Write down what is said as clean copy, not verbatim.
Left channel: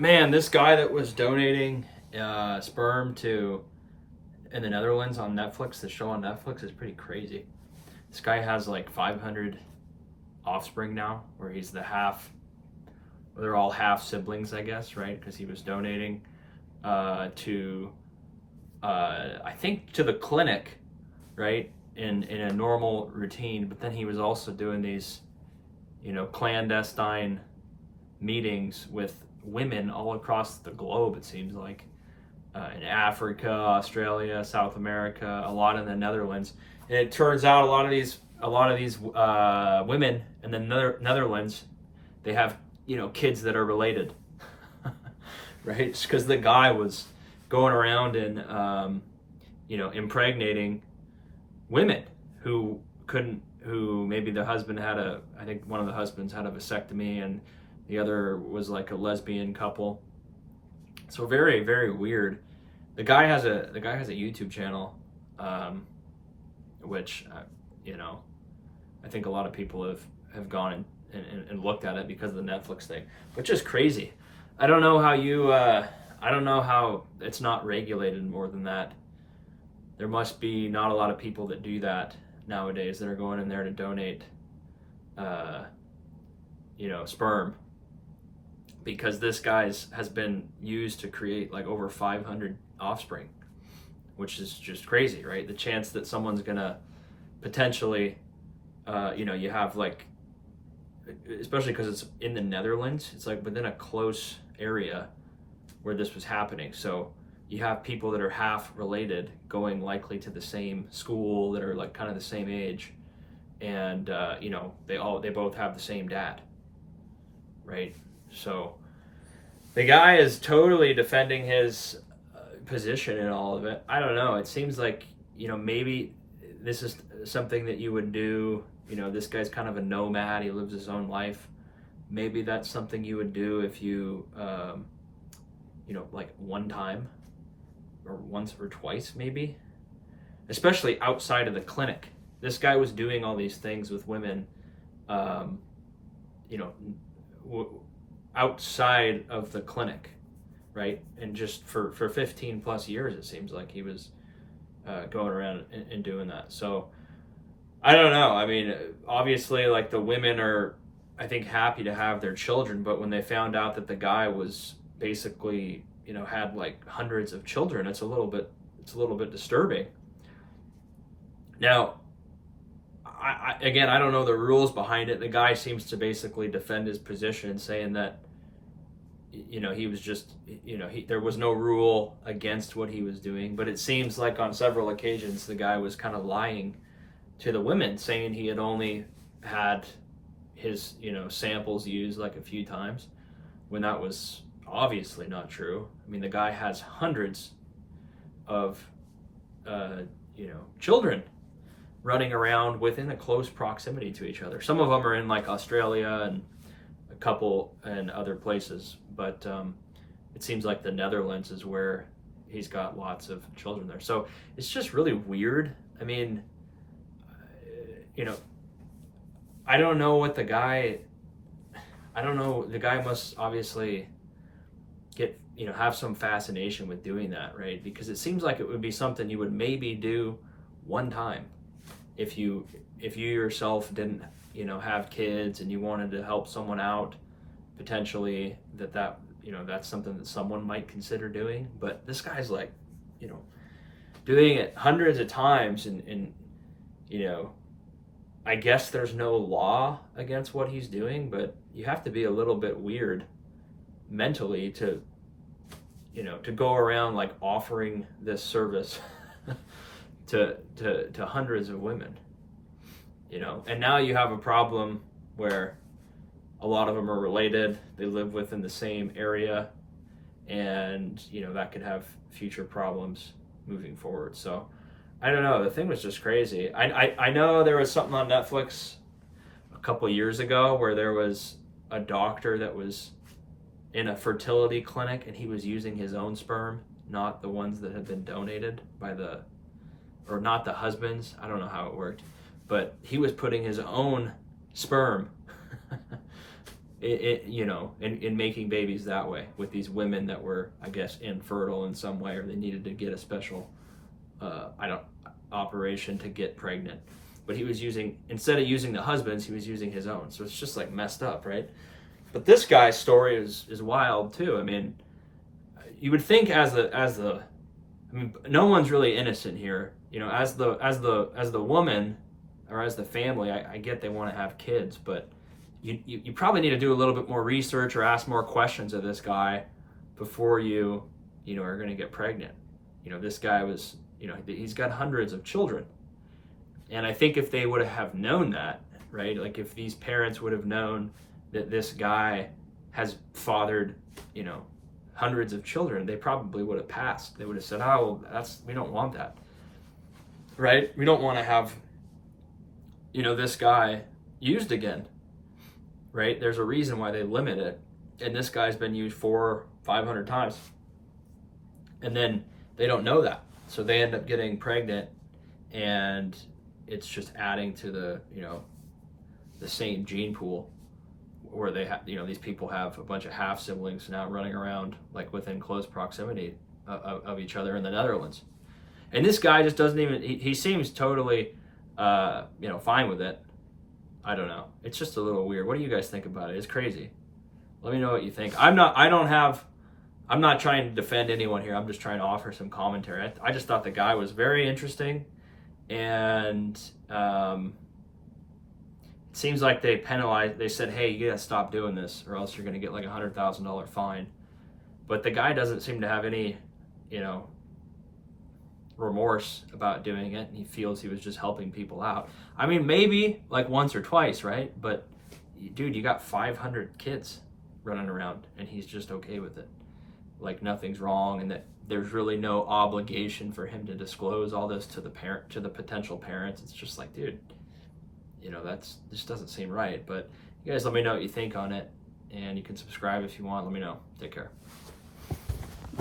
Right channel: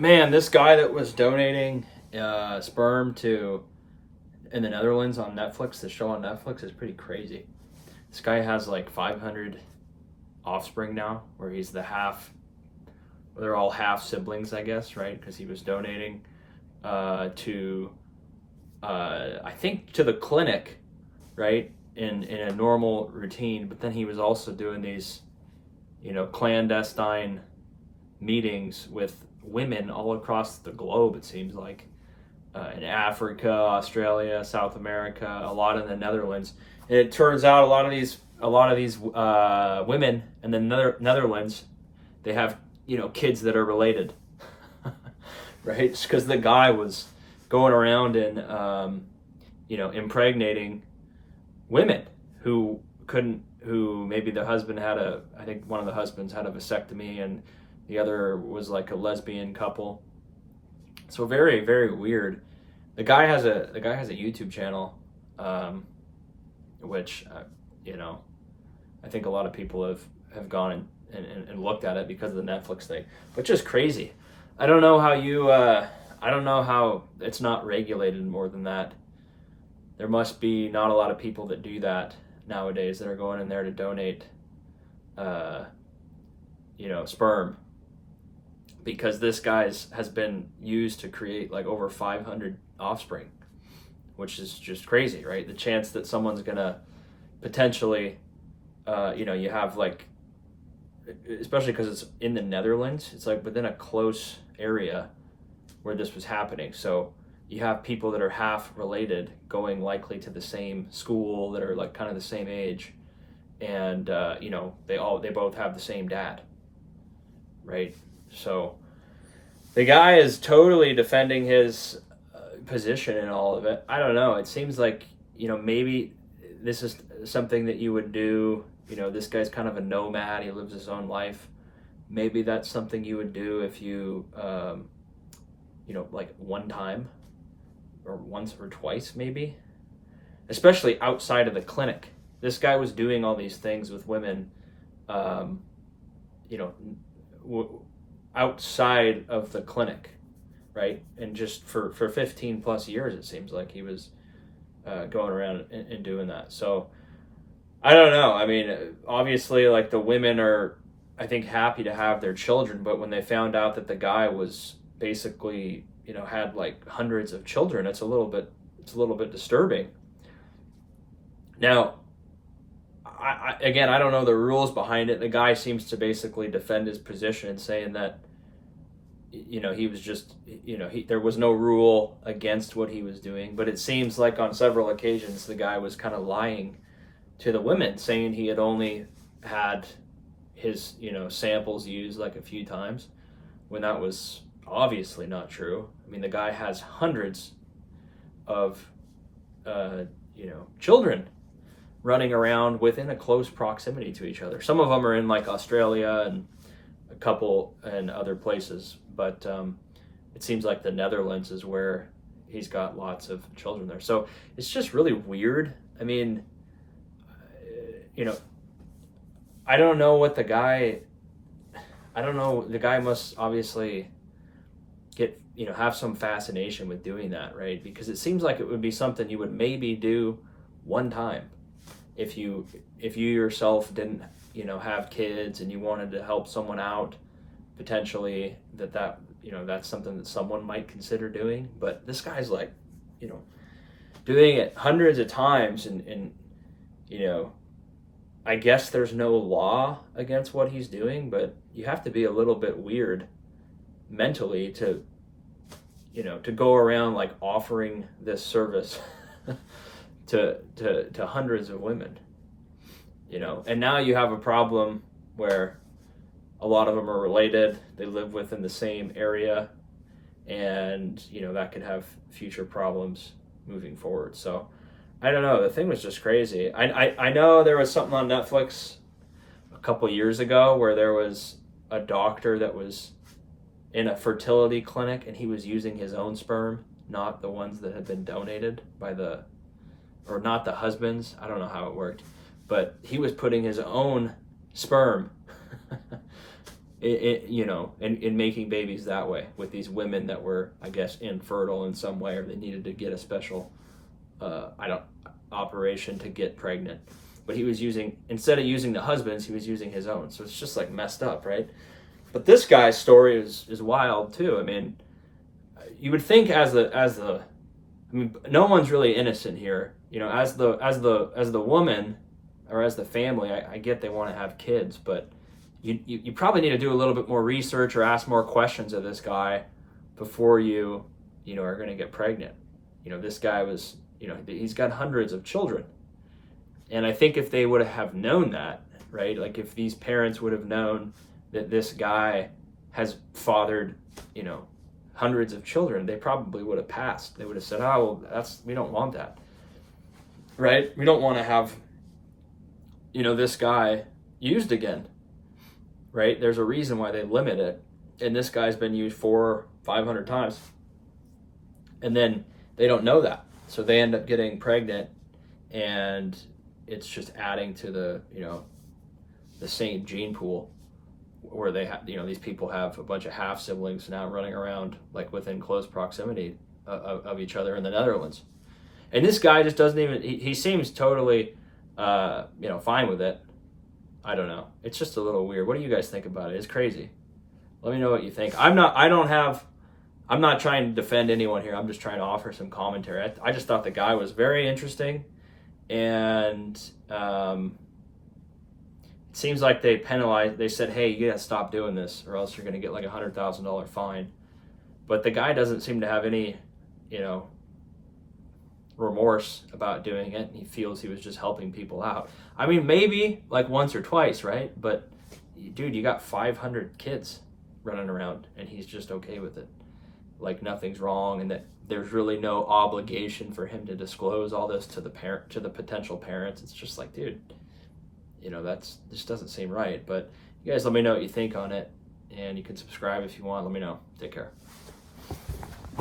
Man, this guy that was donating sperm to in the Netherlands on Netflix, the show on Netflix is pretty crazy. This guy has like 500 offspring now, where he's the half. They're all half siblings, I guess, right? Because he was donating to, I think, to the clinic, right, in a normal routine. But then he was also doing these, clandestine meetings with women all across the globe. It seems like in Africa, Australia, South America, a lot in the Netherlands. And it turns out a lot of these women in the Netherlands, they have kids that are related, right? Just because the guy was going around and impregnating women who maybe the husband I think one of the husbands had a vasectomy and the other was like a lesbian couple. So very, very weird. The guy has a YouTube channel, which I think a lot of people have gone and looked at it because of the Netflix thing, but just crazy. I don't know how I don't know how it's not regulated more than that. There must be not a lot of people that do that nowadays that are going in there to donate, sperm, because this guy's has been used to create like over 500 offspring, which is just crazy, right? The chance that someone's gonna potentially, you have like, especially because it's in the Netherlands, it's like within a close area where this was happening. So you have people that are half related going likely to the same school that are like kind of the same age, and they both have the same dad, right? So the guy is totally defending his position in all of it. I don't know. It seems like maybe this is something that you would do. This guy's kind of a nomad. He lives his own life. Maybe that's something you would do if you, like one time or once or twice, maybe. Especially outside of the clinic. This guy was doing all these things with women, you know, outside of the clinic, right? And just for 15 plus years, it seems like he was going around and doing that. So I don't know. I mean, obviously, like the women are, I think, happy to have their children, but when they found out that the guy was basically, had like hundreds of children, it's a little bit disturbing. Now, I don't know the rules behind it. The guy seems to basically defend his position, saying that he was just there was no rule against what he was doing. But it seems like on several occasions the guy was kind of lying to the women, saying he had only had his samples used like a few times, when that was obviously not true. I mean, the guy has hundreds of children running around within a close proximity to each other. Some of them are in like Australia and a couple and other places, but it seems like the Netherlands is where he's got lots of children there. So it's just really weird. I mean, I don't know what the guy. I don't know. The guy must obviously get have some fascination with doing that, right? Because it seems like it would be something you would maybe do one time if you yourself didn't have kids and you wanted to help someone out, potentially that's something that someone might consider doing. But this guy's like doing it hundreds of times, and I guess there's no law against what he's doing, but you have to be a little bit weird mentally to go around like offering this service to hundreds of women, and now you have a problem where a lot of them are related, they live within the same area, and that could have future problems moving forward. So I don't know, the thing was just crazy. I know there was something on Netflix a couple years ago where there was a doctor that was in a fertility clinic and he was using his own sperm, not the ones that had been donated by or not the husbands. I don't know how it worked, but he was putting his own sperm in making babies that way with these women that were, I guess, infertile in some way, or they needed to get a special operation to get pregnant. But he was using, instead of using the husband's, he was using his own. So it's just like messed up, right? But this guy's story is wild too. I mean, you would think I mean, no one's really innocent here. As the woman or as the family, I get they want to have kids, but you probably need to do a little bit more research or ask more questions of this guy before you are going to get pregnant. This guy was, he's got hundreds of children. And I think if they would have known that, right? Like if these parents would have known that this guy has fathered, hundreds of children, they probably would have passed. They would have said, "Oh, well, we don't want that." Right? We don't want to have, this guy used again. Right? There's a reason why they limit it. And this guy's been used 400-500 times. And then they don't know that. So they end up getting pregnant, and it's just adding to the same gene pool where they have, these people have a bunch of half siblings now running around like within close proximity of each other in the Netherlands. And this guy just doesn't even, he seems totally, fine with it. I don't know. It's just a little weird. What do you guys think about it? It's crazy. Let me know what you think. I'm not trying to defend anyone here. I'm just trying to offer some commentary. I just thought the guy was very interesting, and it seems like they penalized. They said, "Hey, you gotta stop doing this, or else you're gonna get like $100,000 fine." But the guy doesn't seem to have any, remorse about doing it. He feels he was just helping people out. I mean, maybe like once or twice, right? But dude, you got 500 kids running around, and he's just okay with it. Like nothing's wrong, and that there's really no obligation for him to disclose all this to the potential parents. It's just like, dude, this doesn't seem right. But you guys let me know what you think on it, and you can subscribe if you want. Let me know. Take care.